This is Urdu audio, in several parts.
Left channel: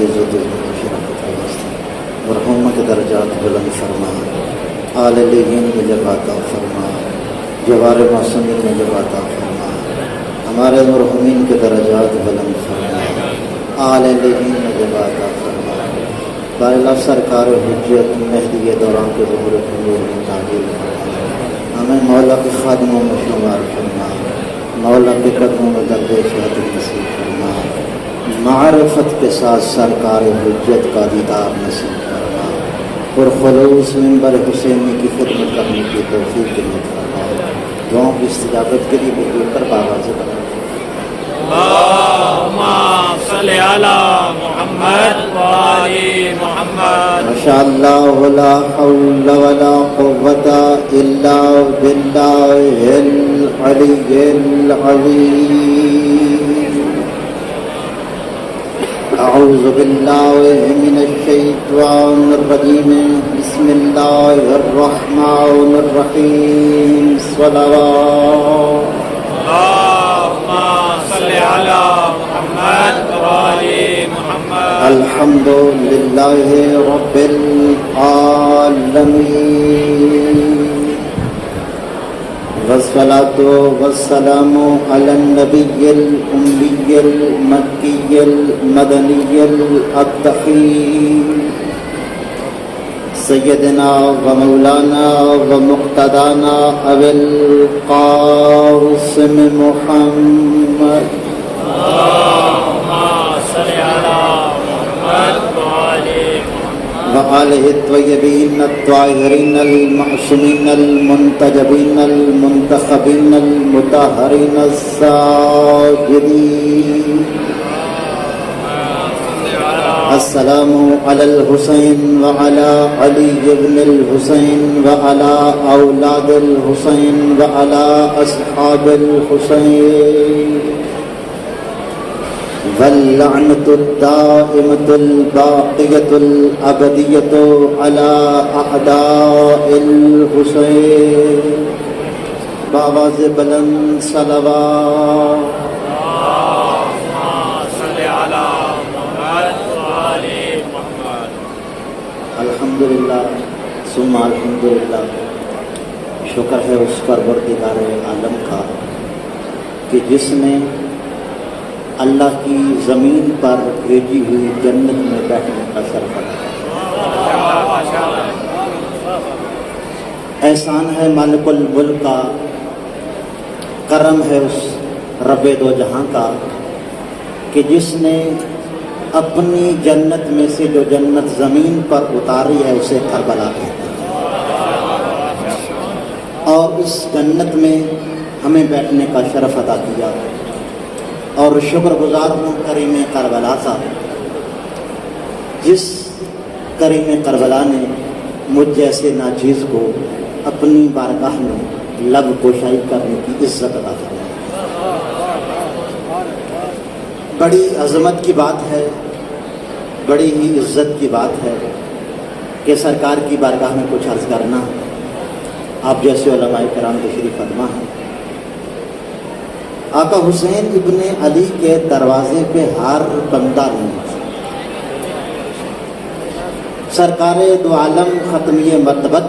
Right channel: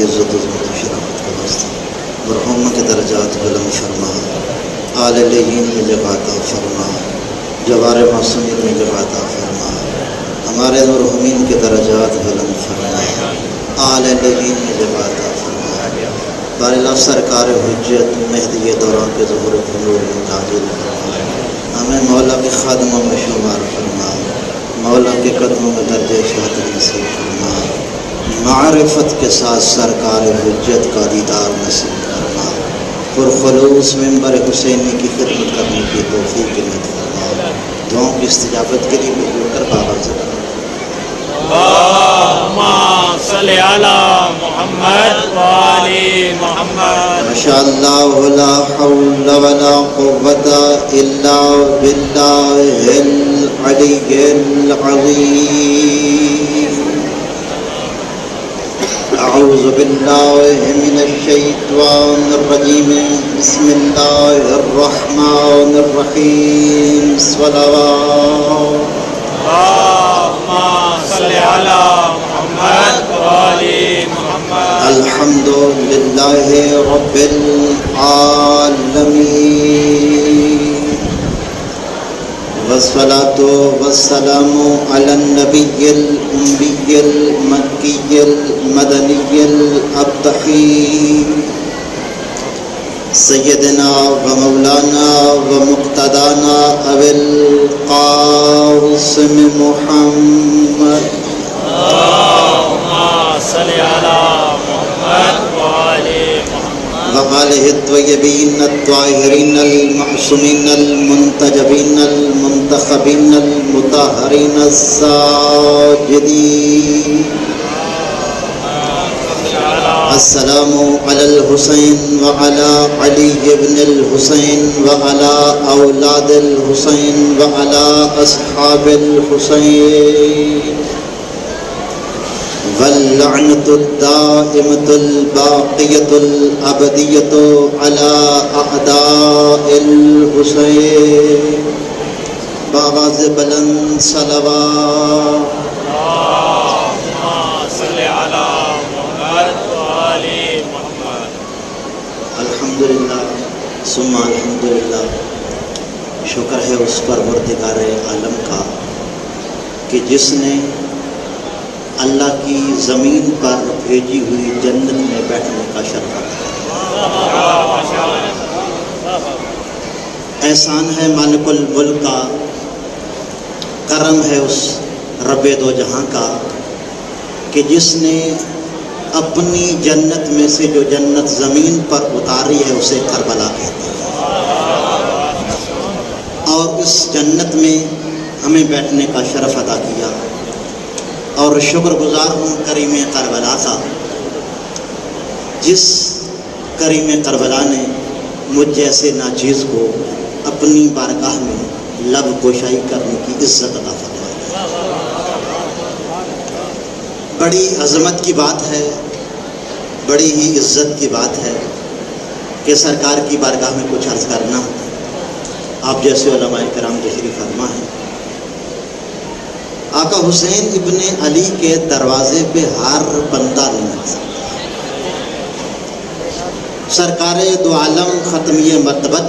کی عزت و شرافت کا واسطہ مرحوموں کے درجات بلند فرما، آل لیین میں جگہ عطا فرما، جوار معصومین میں جگہ عطا فرما، ہمارے مرحومین کے درجات بلند فرما، آل لیین میں جگہ عطا فرما، بار اللہ سرکار حجت مہدی دوران کے ظہور و حضور میں تعجیل فرما، ہمیں مولا کے خادموں میں شمار فرما، مولا کے قدموں میں درجہ شہادت نصیب فرما، معرفت کے ساتھ سرکار حجت کا دیدار نصیب فرما، پرخلوص منبر حسینی کی خدمت کرنے کی توفیق نصیب فرما، دعاؤں کی استجابت کے لیے بول کر بابا سے اللہم صلی علی محمد و آل محمد۔ ماشاءاللہ ولا حول ولا قوت الا باللہ العلی العظیم۔ اعوذ باللہ من الشیطان الرجیم، بسم اللہ الرحمن الرحیم، صلوات اللہم صلی علی محمد و آل محمد۔ الحمد للہ رب العالمین، والصلاة والسلام علی النبی الأمی المکی المدنی الابتحی، سیدنا و مولانا و مقتدانا ابی القاسم محمد، اللہم صلی علی محمد و آل محمد۔ وآلہ الطیبین الطاہرین المعصومین المنتجبین المنتخبین المطہرین الساجدین۔ السلام علی الحسین وعلی علی ابن الحسین وعلی اولاد الحسین وعلی اصحاب الحسین، واللعنۃ الدائمۃ الباقیۃ الابدیۃ علی اعداء الحسین۔ بآواز بلند صلوات۔ اللہم صلی علی محمد و آل محمد۔ الحمدللہ ثم الحمدللہ، شکر ہے اس پروردگار عالم کا کہ جس نے اللہ کی زمین پر بھیجی ہوئی جنت میں بیٹھنے کا شرف عطا کیا۔ احسان ہے مالک الملک کا، کرم ہے اس رب دو جہاں کا کہ جس نے اپنی جنت میں سے جو جنت زمین پر اتاری ہے اسے کربلا کہتے ہیں، اور اس جنت میں ہمیں بیٹھنے کا شرف عطا کیا، اور شکر گزار ہوں کریم کربلا کا، جس کریم کربلا نے مجھ جیسے ناچیز کو اپنی بارگاہ میں لب گشائی کرنے کی عزت عطا فرمائی۔ بڑی عظمت کی بات ہے، بڑی ہی عزت کی بات ہے کہ سرکار کی بارگاہ میں کچھ عرض کرنا۔ آپ جیسے علماء کرام تشریف فرما ہیں، آقا حسین ابن علی کے دروازے پہ ہر بندہ نہیں آ سکتا۔ سرکار دو عالم ختمیہ مرتبت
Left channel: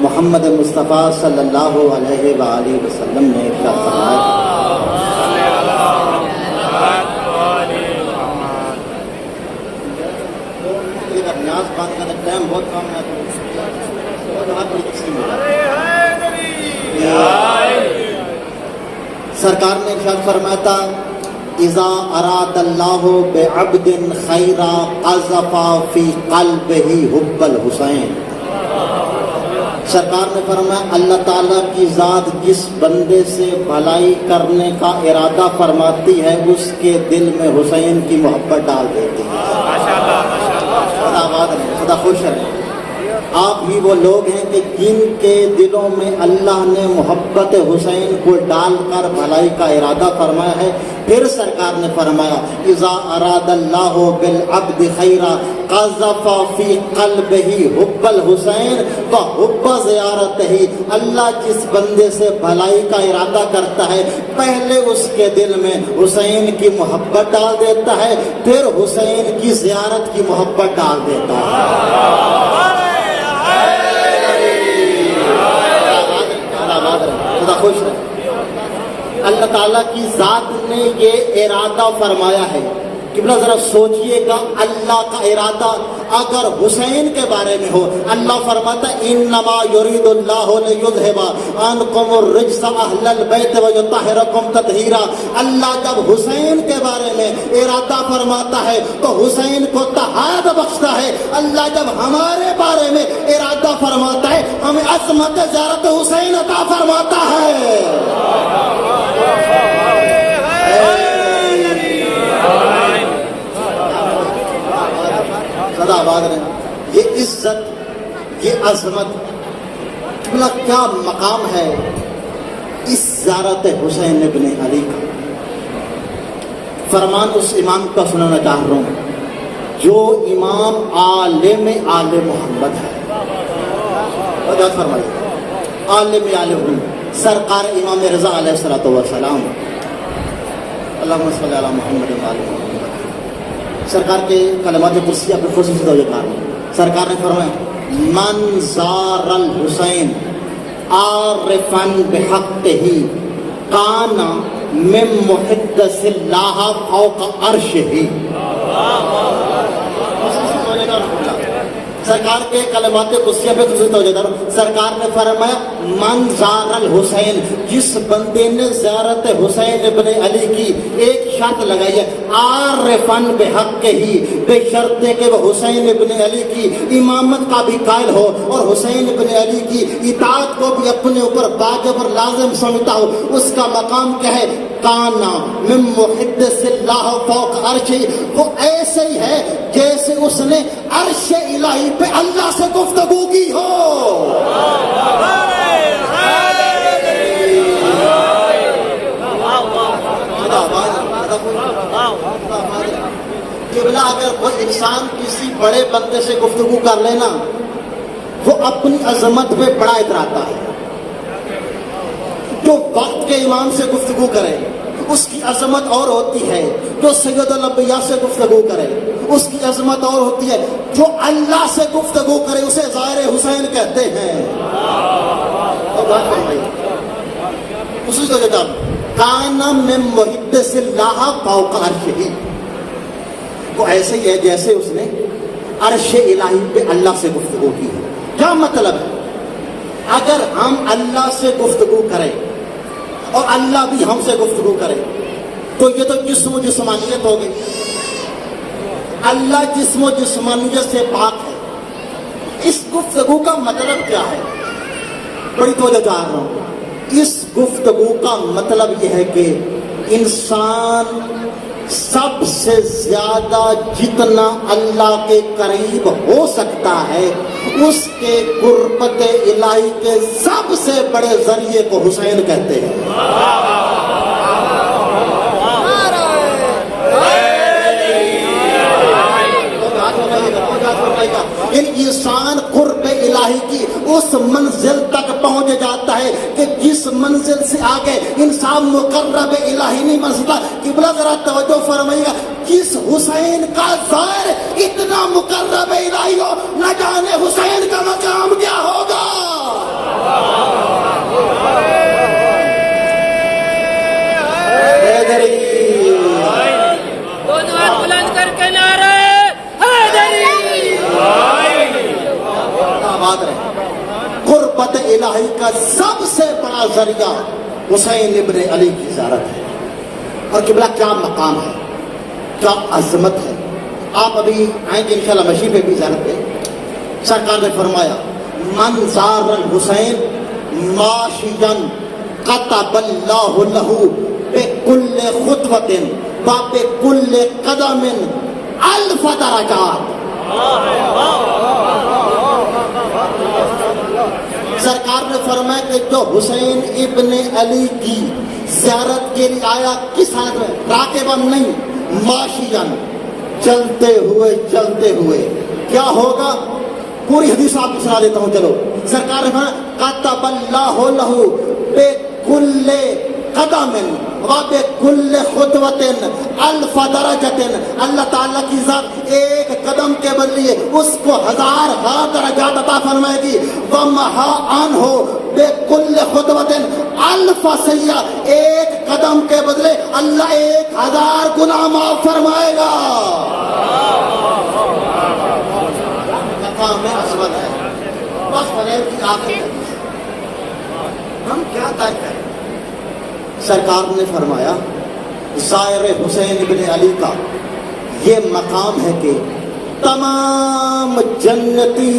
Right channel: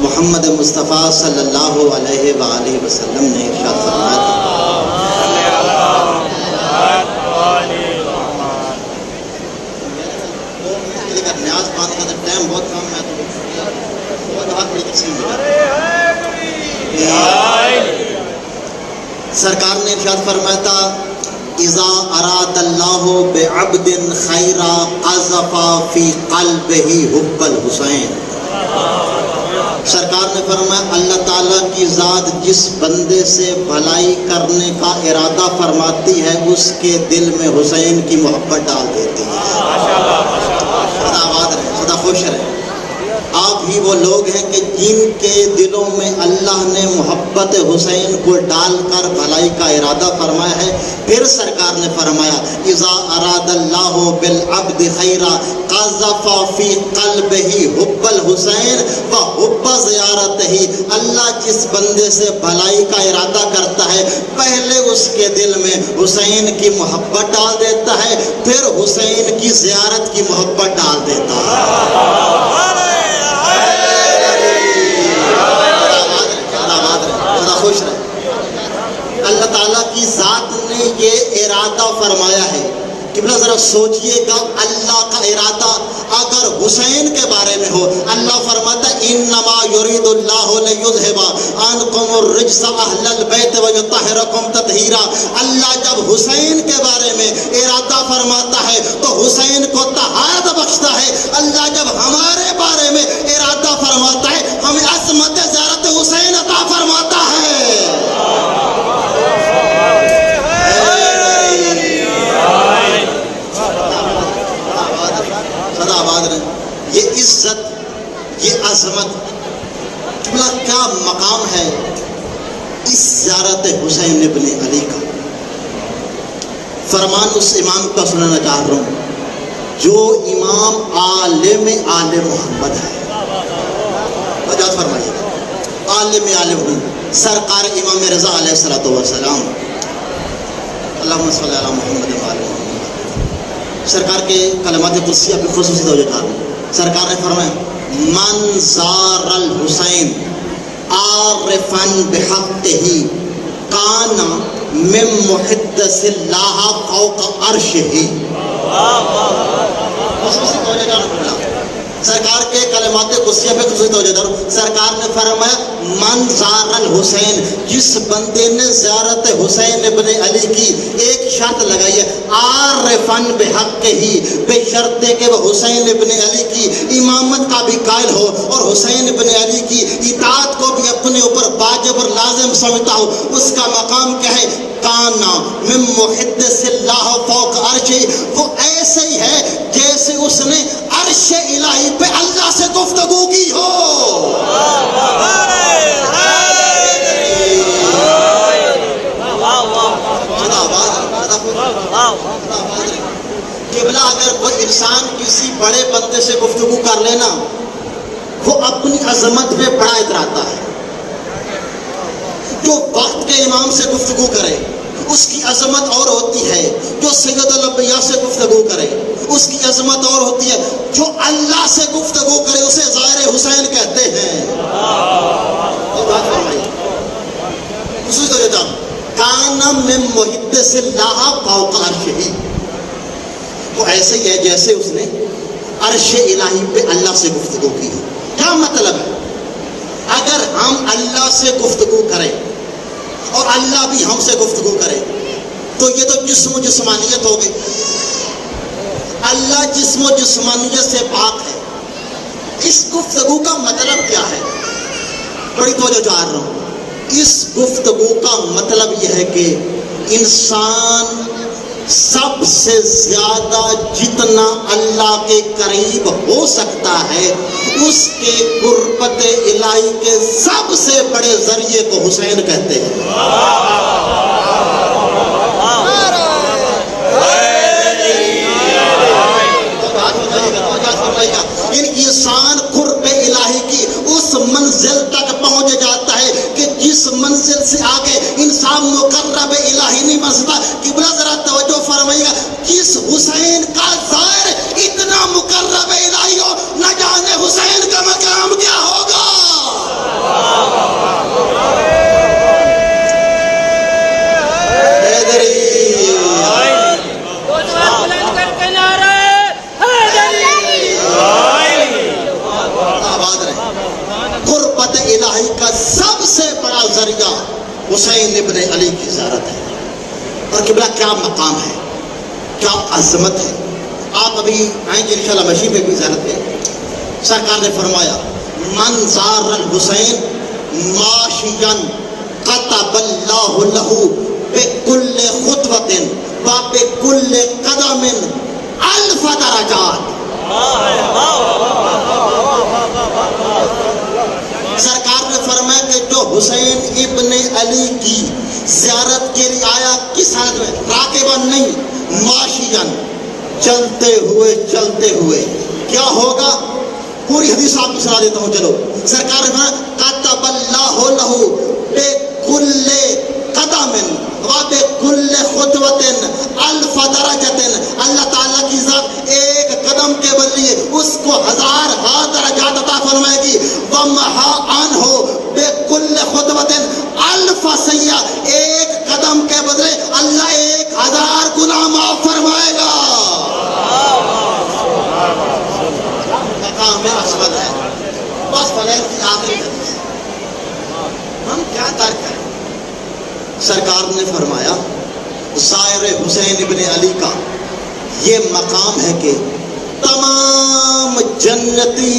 محمد مصطفیٰ صلی اللہ علیہ وآلہ وسلم نے ارشاد فرمایا سرکار نے ارشاد فرمایا تھا، اذا اراد اللہ بعبد خیرا قذف فی قلبہ حب الحسین۔ سرکار نے فرمایا اللہ تعالیٰ کی ذات جس بندے سے بھلائی کرنے کا ارادہ فرماتی ہے اس کے دل میں حسین کی محبت ڈال دیتی ہے۔ خدا آباد رہے، خدا خوش رہے۔ آپ ہی وہ لوگ ہیں کہ جن کے دلوں میں اللہ نے محبت حسین کو ڈال کر بھلائی کا ارادہ فرمایا ہے۔ پھر سرکار نے فرمایا اذا اراد اللہ بالعبد خیرا قذف فی قلبہ حب الحسین وحب زیارتہ۔ اللہ جس بندے سے بھلائی کا ارادہ کرتا ہے پہلے اس کے دل میں حسین کی محبت ڈال دیتا ہے، پھر حسین کی زیارت کی محبت ڈال دیتا ہے۔ خوش رہے۔ اللہ تعالیٰ کی ذات نے یہ ارادہ فرمایا ہے۔ قبلہ ذرا سوچئے گا، اللہ کا ارادہ اگر حسین کے بارے میں ہو، اللہ فرماتا ہے انما یرید اللہ لیذھب عنکم الرجس اہل البیت ویطہرکم تطہیرا۔ اللہ جب حسین کے بارے میں ارادہ فرماتا ہے تو حسین کو طہارت بخشتا ہے۔ اللہ جب ہمارے بارے میں ارادہ فرماتا ہے ہمیں عظمت زیارت حسین عطا فرماتا ہے۔ یہ عزت، یہ عظمت، کیا مقام ہے اس زیارت حسین ابن علی کا۔ فرمان اس امام کا سننا چاہ رہا ہوں جو امام عالم آل محمد ہے۔ فرمائیے عالم آل محمد سرکار امام رضا علیہ الصلوۃ والسلام، اللہم صلی علی محمد و آل محمد۔ سرکار کے کلمات قدسیہ کی خصوصی توجہ کار سرکار نے فرمایا من زار الحسین عارفا بحقہ کان من محدث اللہ فوق عرشہ۔ خصوصی توجہ کار سرکار کے کلمات قدسیہ پہ خصوصی توجہ دار۔ سرکار نے فرمایا من زار الحسین، جس بندے نے زیارت حسین ابن علی کی ایک شرط لگائی ہے عارفاً بحق ہی، بے شرط کہ وہ حسین ابن علی کی امامت کا بھی قائل ہو اور حسین ابن علی کی اطاعت کو بھی اپنے اوپر واجب اور لازم سمجھتا ہو، اس کا مقام کیا ہے؟ کانا من محدث اللہ فوق عرشہ، وہ ایسے ہی ہے جیسے اس نے عرش الہی پہ اللہ سے گفتگو کی ہو۔ قبلہ اگر کوئی انسان کسی بڑے بندے سے گفتگو کر لینا، وہ اپنی عظمت پہ بڑا اتراتا ہے۔ جو وقت کے امام سے گفتگو کرے اس کی عظمت اور ہوتی ہے، جو سید الانبیاء سے گفتگو کرے اس کی عظمت اور ہوتی ہے، جو اللہ سے گفتگو کرے اسے زائر حسین کہتے ہیں۔ اور بات فرمائیے اسی تو جدا کانا من محدث اللہ فوق عرشہ، وہ ایسے ہی ہے جیسے اس نے عرش الہی پہ اللہ سے گفتگو کی ہے۔ کیا مطلب ہے؟ اگر ہم اللہ سے گفتگو کریں اور اللہ بھی ہم سے گفتگو کرے تو یہ تو جسم و جسمانیت ہوگی۔ اللہ جسم و جسمانیت سے پاک ہے۔ اس گفتگو کا مطلب کیا ہے؟ بڑی توجہ چاہ رہا ہوں۔ اس گفتگو کا مطلب یہ ہے کہ انسان سب سے زیادہ جتنا اللہ کے قریب ہو سکتا ہے اس کے قربت الہی کے سب سے بڑے ذریعے کو حسین کہتے ہیں۔ انسان قرب الہی کی اس منزل تک پہنچ جاتا ہے کہ جس منزل سے آگے انسان مقرب الہی نہیں بن سکتا۔ قبلہ ذرا توجہ فرمائیے گا، جس حسین کا ظاہر اتنا مقرب الہی ہو، نہ جانے حسین کا مقام کیا ہوگا۔ قربت الہی کا سب سے بڑا ذریعہ حسین ابن علی کی زیارت ہے۔ اور قبلہ کیا مقام ہے، کیا عظمت ہے۔ آپ ابھی آئیں گے انشاءاللہ مشین پہ بھی زیارت پہ۔ سرکار نے فرمایا من زار الحسین ماشین کتب اللہ لہ بکل خطوۃ و بکل قدم الف درجات۔ حسین ابن علی کی زیارت کے لیے آیا، کس حالت میں؟ راکباً نہیں، ماشیاً، چلتے ہوئے کیا ہوگا؟ پوری حدیث آپ کو سنا دیتا ہوں، چلو۔ سرکار نے فرمایا کتب اللہ لہ بکل قدم وبکل خطوۃ الف درجۃ، اللہ تعالیٰ کی ذات ایک قدم کے بدلے اس کو 1000 درجات عطا فرمائے گی۔ ومحا عنہ بکل خطوۃ الف سیئہ، ایک قدم کے بدلے اللہ 1000 گناہ معاف فرمائے گا۔ مقام عظمت ہے۔ بس فلیل کی آخری حدیث، ہم کیا ترک کریں؟ سرکار نے فرمایا زائر حسین ابن علی کا یہ مقام ہے کہ تمام جنتی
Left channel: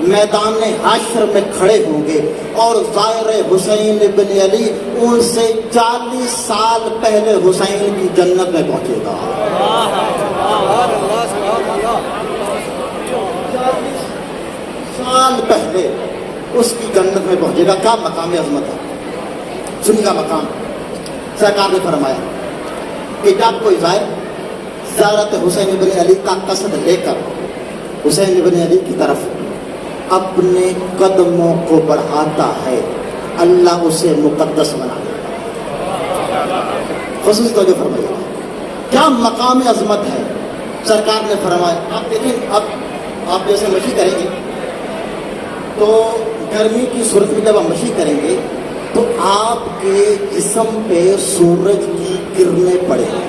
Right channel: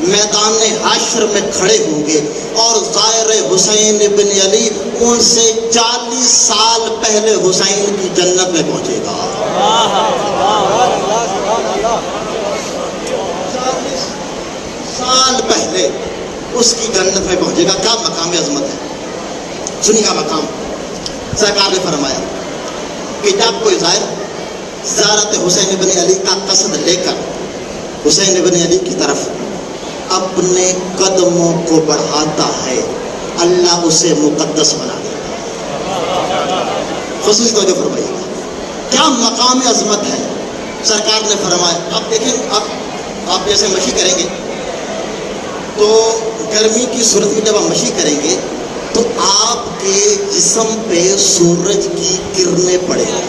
میدان حشر میں کھڑے ہوں گے اور زائر حسین ابن علی ان سے 40 سال پہلے حسین کی جنت میں پہنچے گا۔ 40 سال پہلے اس کی جنت میں پہنچے گا۔ کیا مقام عظمت ہے، سنی کا مقام۔ سرکار نے فرمایا کہ جب کوئی زیارت حسین بن علی کا قصد لے کر حسین بن علی کی طرف اپنے قدموں کو بڑھاتا ہے، اللہ اسے مقدس بنا دیتا ہے۔ خصوصی طور پر فرمائے کیا مقام عظمت ہے۔ سرکار نے فرمایا، اب دیکھیں، اب آپ جیسے مشی کریں گے تو گرمی کی صورت میں جب ہم مشی کریں گے تو آپ کے جسم پہ سورج کی کرنیں پڑیں گی۔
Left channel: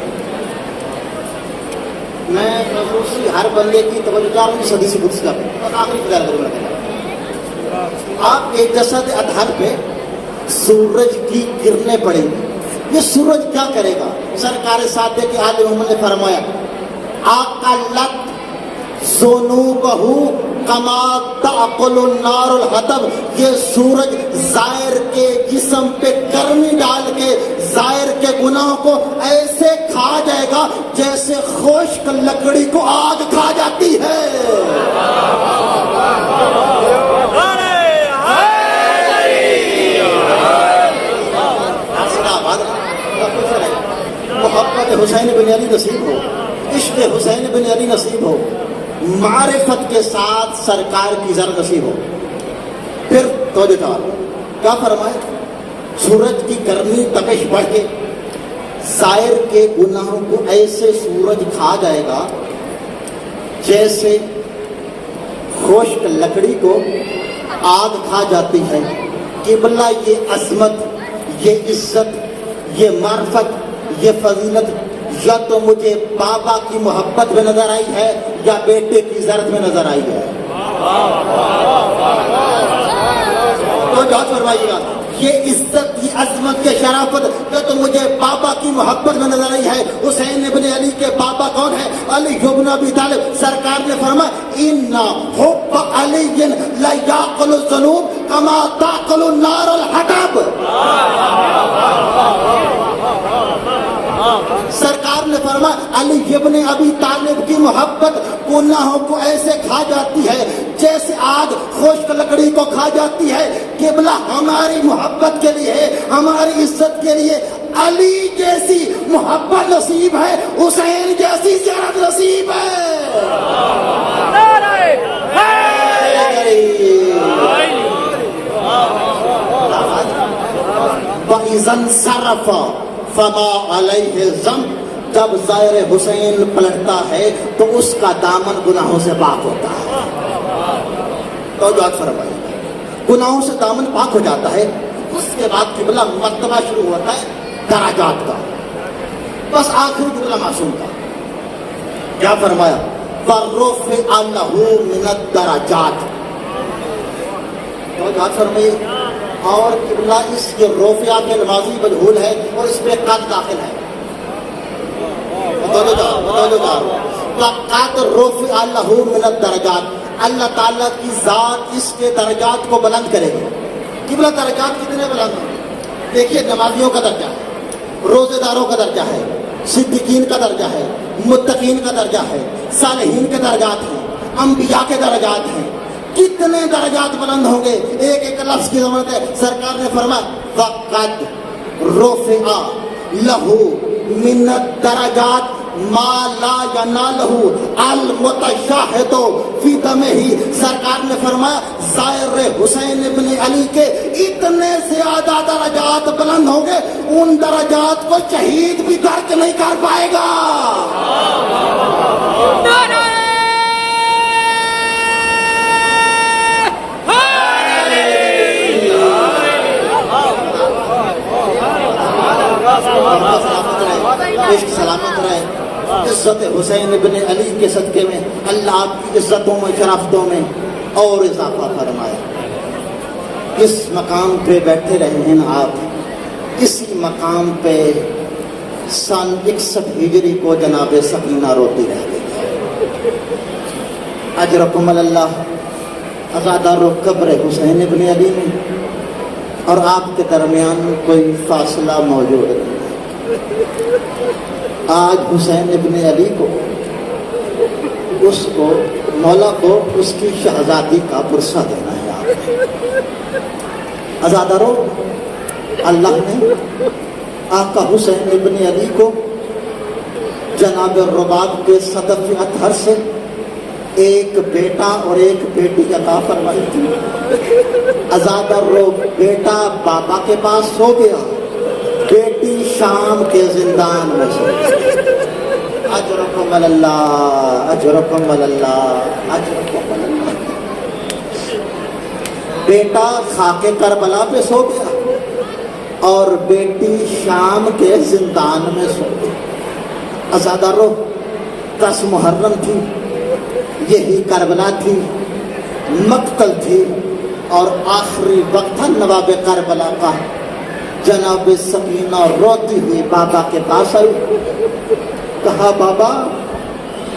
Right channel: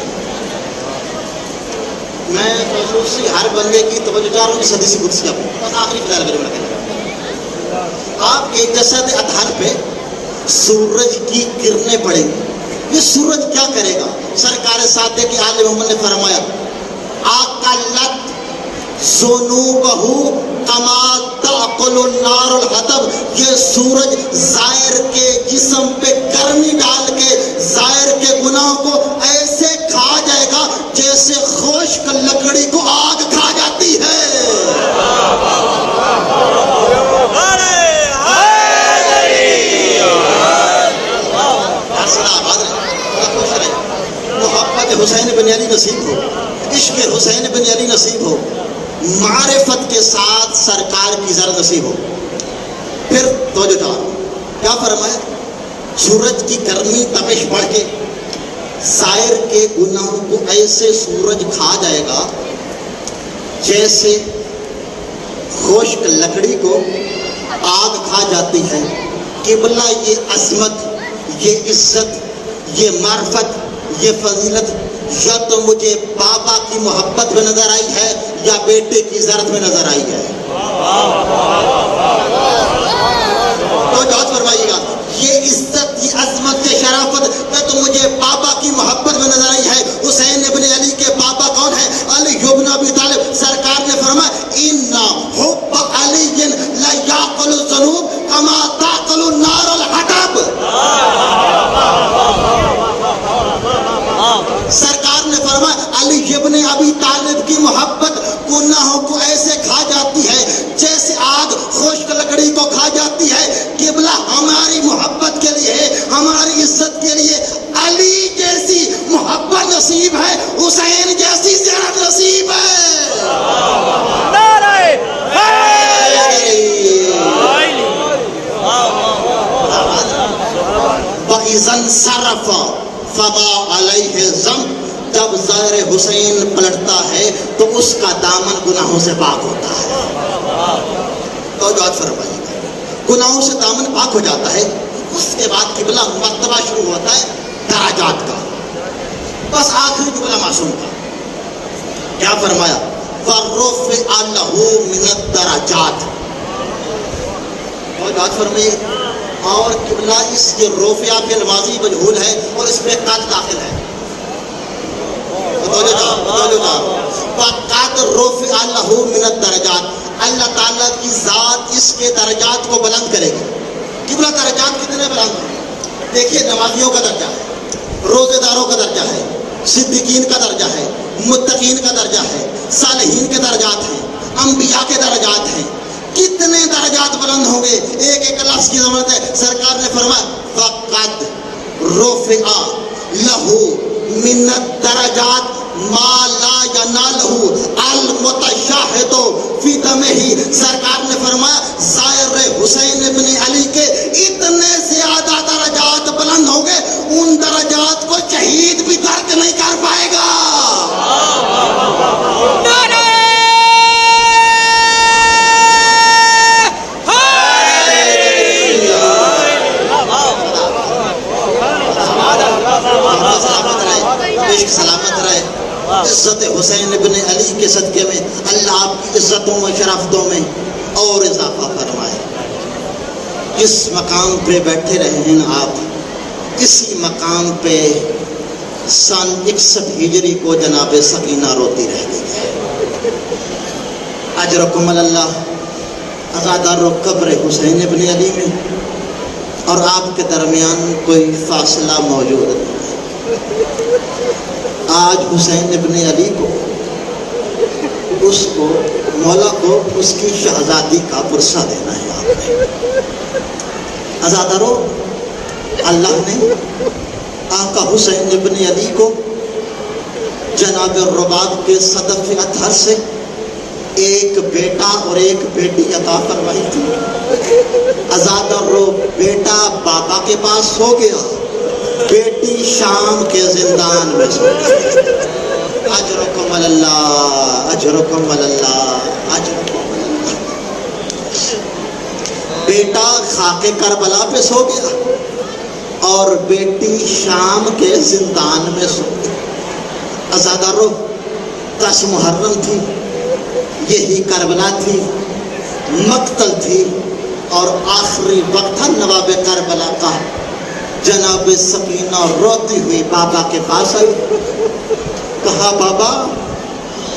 میں خصوصی ہر بندے کی توجہ چاہ رہا ہوں، اس حدیث قدسی کا بس آخری خیال کروں گا۔ آپ کے جسد اطہر پہ سورج کی کرنیں پڑیں گی۔ یہ سورج کیا کرے گا؟ سرکار ساتھ کہ آل محمد نے فرمایا آقلت ذنوبہ کما تأکل النار الحطب، یہ سورج زائر کے جسم پہ گرمی ڈال کے زائر کے گناہوں کو ایسے کھا جائے گا جیسے خشک لکڑی کو آگ کھا جاتی ہے۔ محبت حسین بن علی نصیب ہو، عشق حسین بن علی نصیب ہو، معرفت کے ساتھ سرکار کی زر نصیب ہو۔ پھر تو کیا فرمایا؟ سورج کی گرمی تپش بڑھ کے زائر کے گناہوں کو ایسے سورج کھا جائے گا جیسے خشک لکڑی کو آگ کھا جاتی ہے۔ قبلہ یہ عظمت، یہ عزت، یہ معرفت، یہ فضیلت یا تو مجھے بابا کی محبت میں نظر آئی ہے یا بیٹے کی زرت میں نظر آئی ہے۔ تو بات فرمائیے گا، یہ عزت، یہ عظمت، یہ شرافت یا تو مجھے بابا کی محبت میں نظر آئی ہے۔ حسین ابن علی کے بابا کون ہے؟ علی بن ابی طالب۔ سرکار نے فرمایا ان حب علی لیاکل الذنوب کما تاکل النار الحطب۔ سرکار نے فرمایا علی ابن ابی طالب کی محبت گناہوں کو ایسے کھا جاتی ہے جیسے آگ خشک لکڑی کو کھا جاتی ہے۔ قبلہ ہماری محبت کے لیے، ہماری عزت کے لیے علی جیسی محبت نصیب ہے، حسین جیسی زیارت نصیب ہے۔ وَإِذَا انصَرَفَ فَمَا عَلَيْهِ ذَنْبٌ، جب زائر حسین پلٹتا ہے تو اس کا دامن گناہوں سے پاک ہوتا ہے۔ اور بات فرمائیے، گناہوں سے دامن پاک ہو جاتا ہے، اس کے بعد قبلہ مرتبہ شروع ہوتا ہے درجات کا، بس آخری قبلہ معصوم کا۔ کیا فرمایا؟ فَرُفِعَ لَهُ مِنَ الدَّرَجَاتِ۔ اور بات فرمائیے، اور قبلہ اس کے رفع کے ماضی مجہول ہے اور اس پہ قد داخل ہے۔ فَقَدْ رُفِعَ لَهُ مِنَ الدَّرَجَاتِ، اللہ تعالیٰ کی ذات اس کے درجات کو بلند کرے گی۔ قبلہ درجات کتنے بلند ہیں؟ دیکھیے، نمازیوں کا درجہ ہے، روزے داروں کا درجہ ہے، صدیقین کا درجہ ہے، متقین کا درجہ ہے، صالحین کے درجات ہیں، انبیاء کے درجات ہیں۔ کتنے درجات بلند ہوں گے کے ایک ایک لفظ کی ضرورت ہے. سرکار نے فرمایا فقد رفع لہو من الدرجات ما لا ینالہ المتشاہد فی دمہ. سرکار نے فرمایا زائر حسین ابن علی کے اتنے زیادہ درجات بلند ہوں گے ان درجات کو شہید بھی درک نہیں کر پائے گا. سلامت رہے. عزت حسین ابن علی کے صدقے میں اللہ آپ کی عزتوں میں شرافتوں میں اور اضافہ فرمائے. اس مقام پہ بیٹھے رہے ہیں آپ, اسی مقام پہ سن 61 ہجری کو جناب سکینہ روتی رہ گئی. اجرکم اللہ. آزادہ رو قبر حسین ابن علی میں اور آپ کے درمیان کوئی فاصلہ موجود نہیں. آج حسین ابن علی کو مولا کو اس کی شہزادی کا ورثہ دینا ہے. آپ نے آزادارو, اللہ نے آقا حسین ابن علی کو جناب رباب کے صدف اطہر سے ایک بیٹا اور ایک بیٹی عطا فرمائی تھی. آزادارو, بیٹا بابا کے پاس سو گیا, بیٹی شام کے زندان میں سو گئی. اجرکم اللہ, اجرکم اللہ, اجرکم اللہ. بیٹا خاک کربلا پہ سو گیا اور بیٹی شام کے زندان میں سو گئی. آزادارو, 10 محرم تھی, یہی کربلا تھی, مقتل تھی اور آخری وقت تھا نواب کربلا کا. جناب سکینہ روتی ہوئی بابا کے پاس آئی. کہا بابا,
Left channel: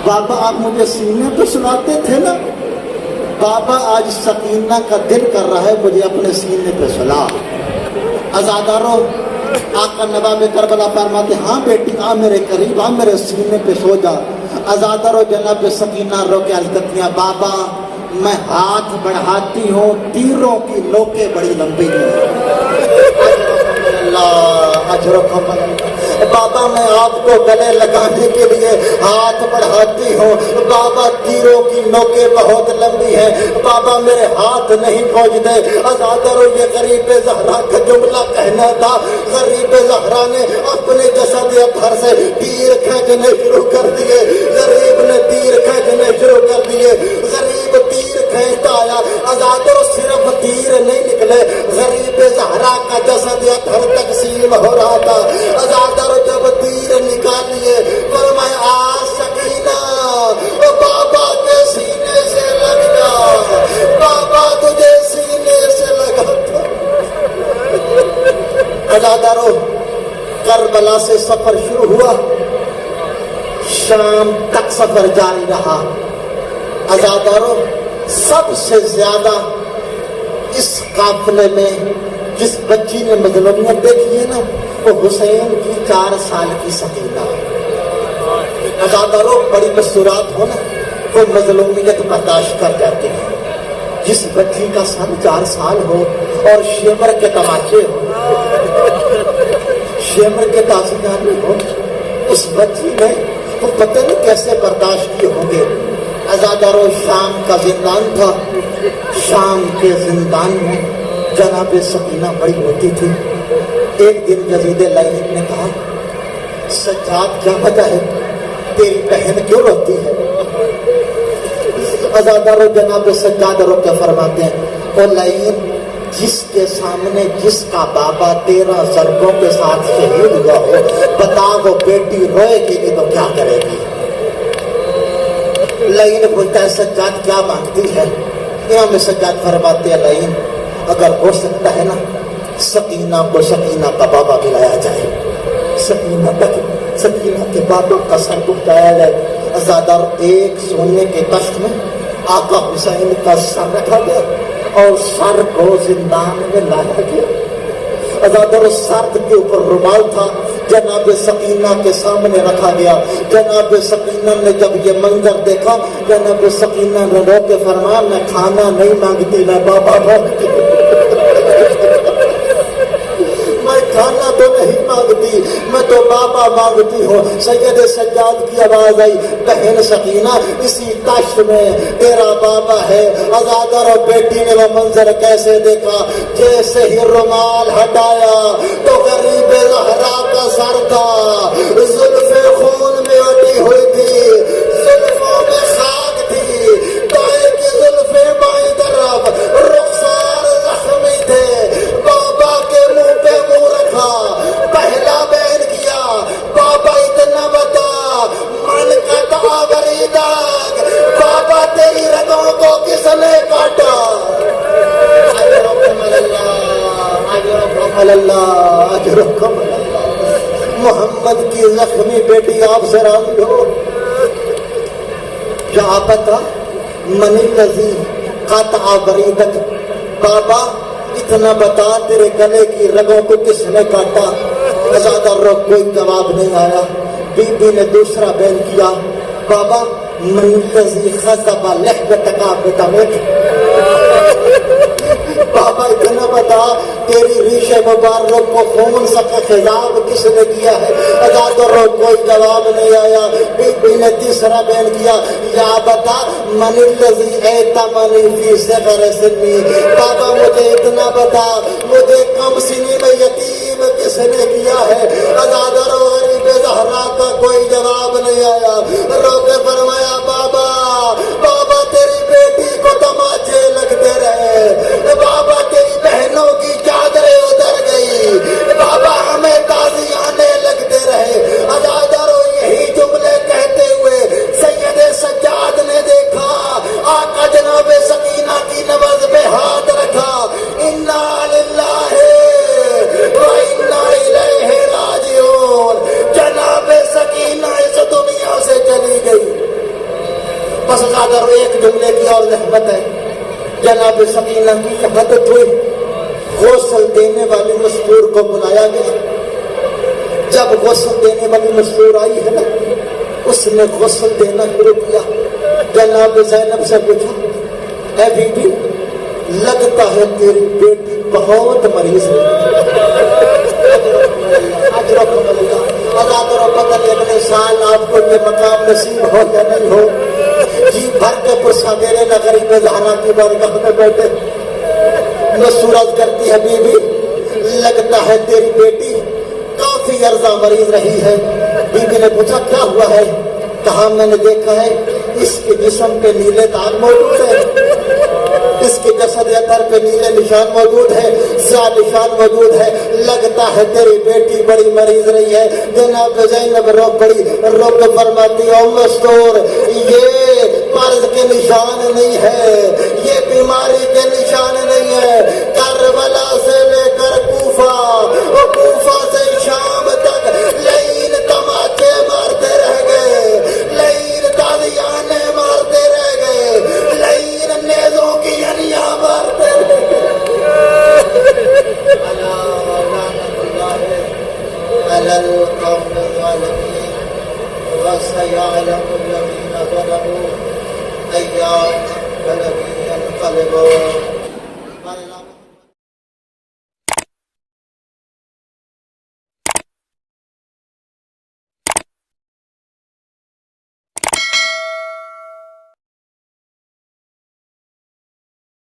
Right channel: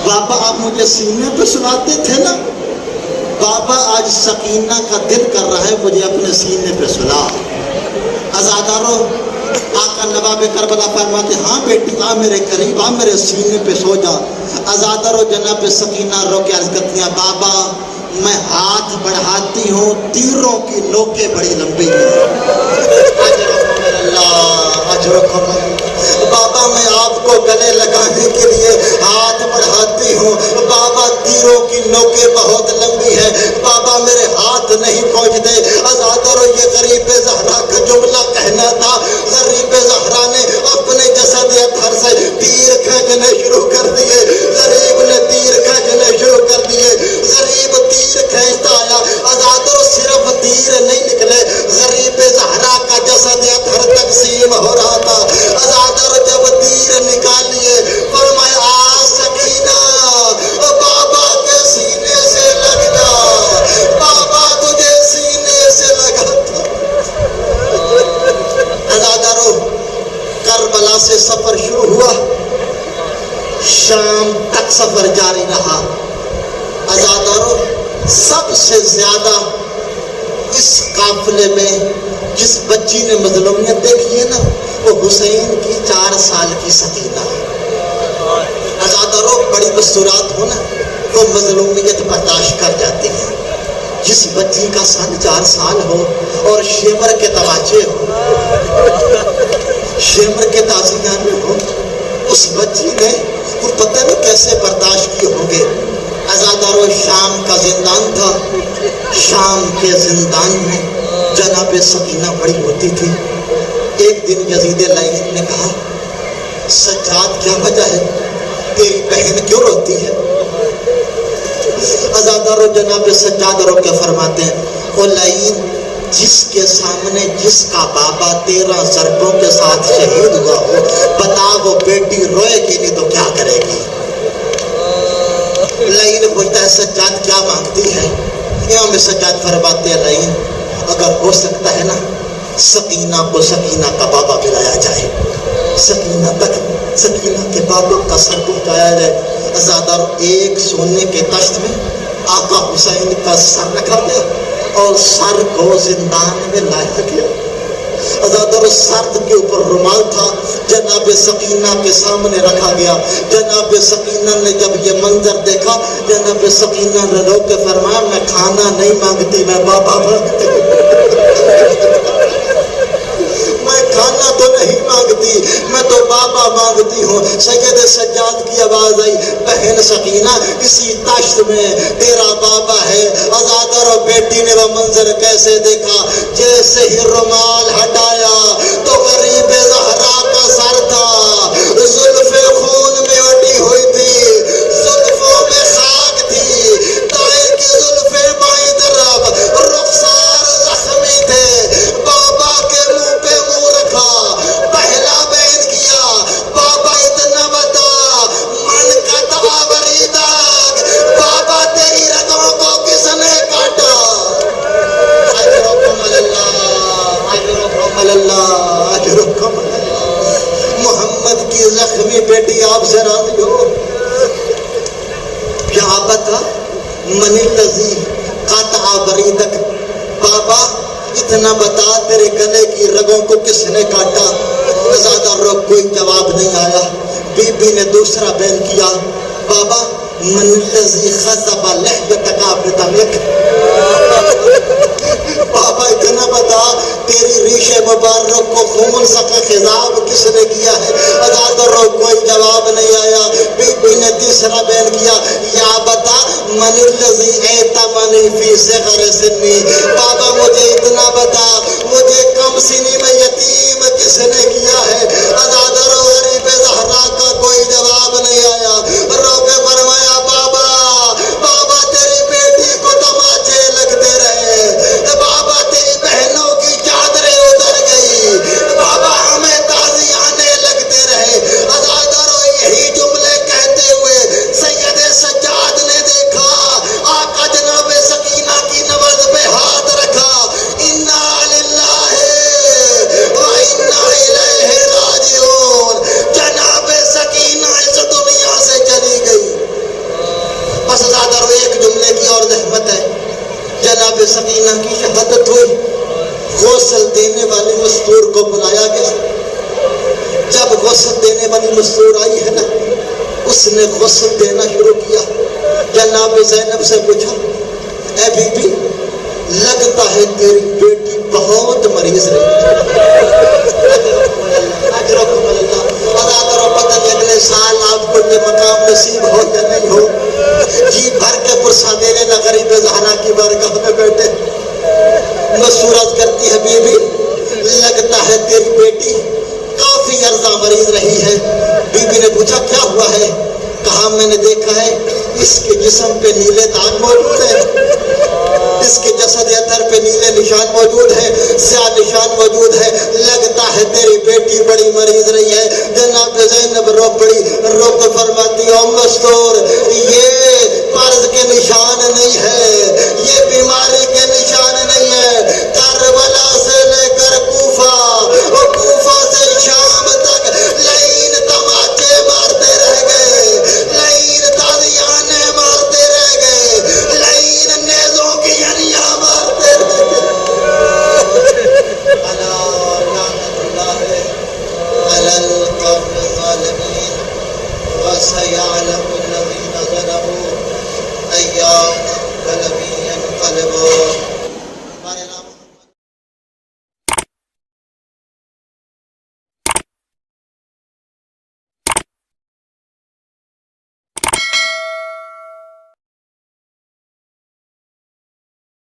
بابا آپ مجھے سینے پہ سلاتے تھے نا, بابا آج سکینہ کا دل کر رہا ہے مجھے اپنے سینے پہ سلا. آزادارو, آقا نواب کربلا فرماتے ہاں بیٹی آ میرے قریب, آ میرے سینے پہ سو جا. آزادارو, جناب سکینہ رو کے عرض کرتی ہیں بابا میں ہاتھ بڑھاتی ہوں, تیروں کی نوکیں بڑی لمبی ہیں. بابا میں آپ کو گلے لگانے کے لیے ہاتھ بڑھاتی ہوں, بابا تیروں کی نوکیں بہت لمبی ہیں, بابا میرے ہاتھ نہیں پہنچتے. آزادارو, یہ غریب زہرا کا جملہ کہنا تھا. غریب زہرا نے اپنے جسد اطہر سے تیر کھینچنے شروع کر دیے. غریب نے تیر کھینچنے شروع کر دیے. غریب تیر کھینچتا آیا. آزادارو, صرف تیر نہیں نکلے, غریب زہرا کا جسد اطہر تقسیم ہو رہا تھا. آزادارو, جب تیر نکالیے فرمایا آ سکینہ, بابا کے سینے سے لگ جا, بابا تجھے سینے سے لگا تھا. آزادارو, کربلا سے سفر شروع ہوا, شام تک سفر جاری رہا. آزادارو, سب سے زیادہ اس قافلے میں جس بچی نے مظلومیت دیکھی ہے نا وہ حسین کی 4 سال کی سکینہ. آزادارو, بڑی مستورات ہو نا وہ مظلومیت برداشت کر جاتی ہے. جس بچی کا سن 4 سال ہو اور شیمر کے تماچے ہو, شیمر کے تازیانے ہو, اس بچی نے تو پتہ نہیں کیسے برداشت کیے ہوں گے. آزادارو, شام کا زندان تھا. شام کے زندان میں جناب سکینہ بڑی ہوتی تھی. ایک دن یزید لعین نے کہا سجاد کیا وجہ ہے, تیری بہن کیوں روتی ہے؟ آزادارو, جناب سجاد رو کے فرماتے ہیں او لعین, جس کے سامنے جس کا بابا 13 ضربوں کے ساتھ شہید ہوا ہو, بتا وہ بیٹی روئے گی نہیں تو کیا کرے گی؟ لعین بولتا ہے سجاد کیا مانگتی ہے؟ امام سجاد فرماتے ہیں لعین, اگر ہو سکتا ہے نا سکینہ کو سکینہ کا بابا بلایا جائے, سکینہ کے بابا کا سر اٹھایا جائے. آزادارو, ایک سونے کے تخت میں آقا حسین کا سر رکھا گیا اور سر کو زندان میں لایا گیا. آزادارو, سر کے اوپر رومال تھا, جناب سکینہ کے سامنے رکھا گیا. جناب سکینہ نے جب یہ منظر دیکھا, جناب سکینہ نے رو کے فرمایا میں کھانا نہیں مانگتی, میں بابا مانگتی. ہوتی ہو. سید سجاد کی آواز آئی, بہن سکینہ اسی تاشت میں تیرا بابا ہے. ازادر اور بیٹی نے وہ منظر کیسے دیکھا, جیسے ہی رومال ہٹایا تو غریب زہرا کا سر تھا, زلفیں خون میں اٹی ہوئی تھی, زلفوں میں خاک تھی, دائیں کی زلفیں بائیں طرف, رخسار زخمی تھے. بابا کے منہ پہ منہ رکھا, پہلا بیان کیا, بابا اتنا بتا, من کا تابری داغ, بابا تیری رگوں کو کس نے کاٹا؟ اجرکم اللہ, اجرکم اللہ, اجرکم اللہ. محمد کی زخمی بیٹی آپ سے راضی ہو؟ کیا بتا من الذی قطع بریدک, بابا اتنا بتا تیرے گلے کی رگوں کو کس نے کاٹا؟ زیادہ روک کوئی جواب نہیں آیا. بی بی نے دوسرا بیان کیا, بابا من الذی خضب لحیتک بدمک, بابا اتنا بتا تیری ریش مبارک کو خون سے خضاب کس نے کیا ہے؟ زیادہ روک کوئی جواب نہیں آیا. بی بی نے تیسرا بیان کیا, یا بتا من الذی ایتمنی فی صغر سنی, بابا مجھے اتنا بتا مجھے کم سنی میں یتیم کس نے کیا ہے؟ ازادر غریب زہرا کا کوئی جواب نہیں آیا. رب فرمایا, بابا بابا تیری بیٹی کو تماچے لگتے رہے, بابا تیری بہنوں کی چادریں اتر گئی, بابا ہمیں تازیانے لگتے رہے. ازادر یہی جملے کہتے ہوئے سید سجاد نے دیکھا, آقا جناب سکینہ کی نبض پہ ہاتھ رکھا, انا للہ و انا الیہ راجعون. جناب سکینہ اس دنیا سے چلی گئی. بس زیادہ ایک جملے کی اور زحمت ہے, جناب سکینہ کی شہادت ہوئی. غسل دینے والی مستور کو بلایا گیا. جب غسل دینے والی مستور آئی ہے نا, اس نے غسل دینا شروع کیا. جناب زینب سے پوچھا, اے بی بی لگتا ہے تیری بیٹی بہت مریض ہے. اجرکم اللہ. ازادر پتہ نہیں اگلے سال آپ کو یہ مقام نصیب ہو یا نہیں ہو. جی بھر کے پرسہ دینے نہ غریب زہرا کی بارگاہ میں بیٹھے. مسورت کرتی ہے, بی بی لگتا ہے تیری بیٹی کافی عرصہ مریض رہی ہے. بی بی نے پوچھا کیا ہوا ہے؟ کہا میں نے دیکھا ہے اس کے جسم پہ نیلے داغ موجود ہیں, اس کے جسد اتر پہ نیلے نشان موجود ہیں, سیاہ نشان موجود ہے. لگتا ہے تیری بیٹی بڑی مریض رہی ہے. جناب زینب رو پڑی, رو کے فرماتی ہے, مستور یہ مرض کے نشان نہیں ہے, یہ بیماری کے نشان نہیں ہے. کربلا سے لے کر کوفہ, اور کوفہ سے شام تک لعین تماچے مارتے رہ گئے, لعین تازیانے مارتے رہ گئے, لعین نیزوں کی یعنیاں مارتے رہ گئے. الا لعنت اللہ علی القوم الظالمین وسيعلم الذين ظلموا أي منقلب ينقلبون.